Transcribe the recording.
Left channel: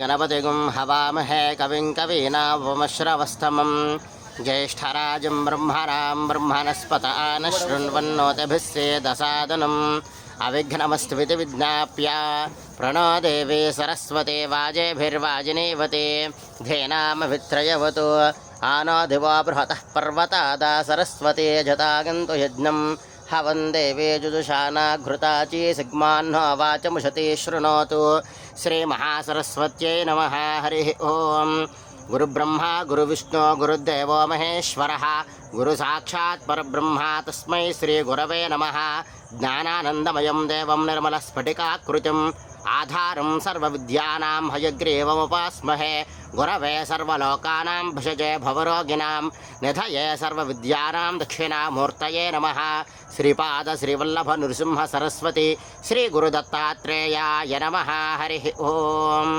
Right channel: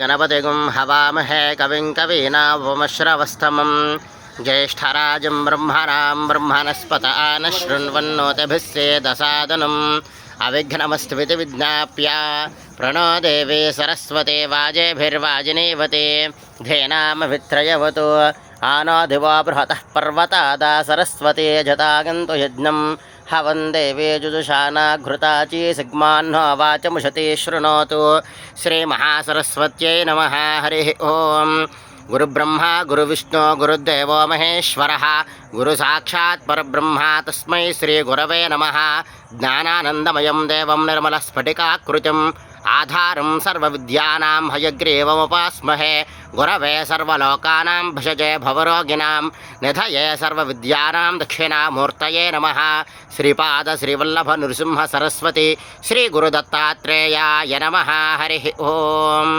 गणपतिगुं हवामहे कविं कवीनामुपमश्रवस्तमं ज्येष्ठराजं ब्रह्मणां ब्रह्मणस्पत आनशृण्वन्नोतिभिस्सेदसादनम् अविघ्नमस्तुमिति विज्ञाप्य प्रणो देवी सरस्वती वाजेभिर्वाजिनीवती धेनामभित्रयवतु आनो दिवो बृहतः पर्वतादा सरस्वती जतागन्तु यज्ञं हवं देवी जुजुषाना घृताची सिग्माह्नो वाचमुषति शृणोतु श्रीमहासरस्वत्यै नमः। हरिः ओं। गुरुब्रह्मा गुरुविष्णु गुरुदेवो महेश्वरः गुरुसाक्षात् परब्रह्म तस्मै श्रीगुरवे नमः। ज्ञानानन्दमयं देवं निर्मलस्फटिकाकृतिम् आधारं सर्वविद्यानां हयग्रीवमुपास्महे। गुरवे सर्वलोकानां भिषजे भवरोगिणां निधये सर्वविद्यानां दक्षिणामूर्तये नमः। श्रीपाद श्रीवल्लभ नृसिंह सरस्वती श्रीगुरुदत्तात्रेयाय नमः। हरिः ओम्।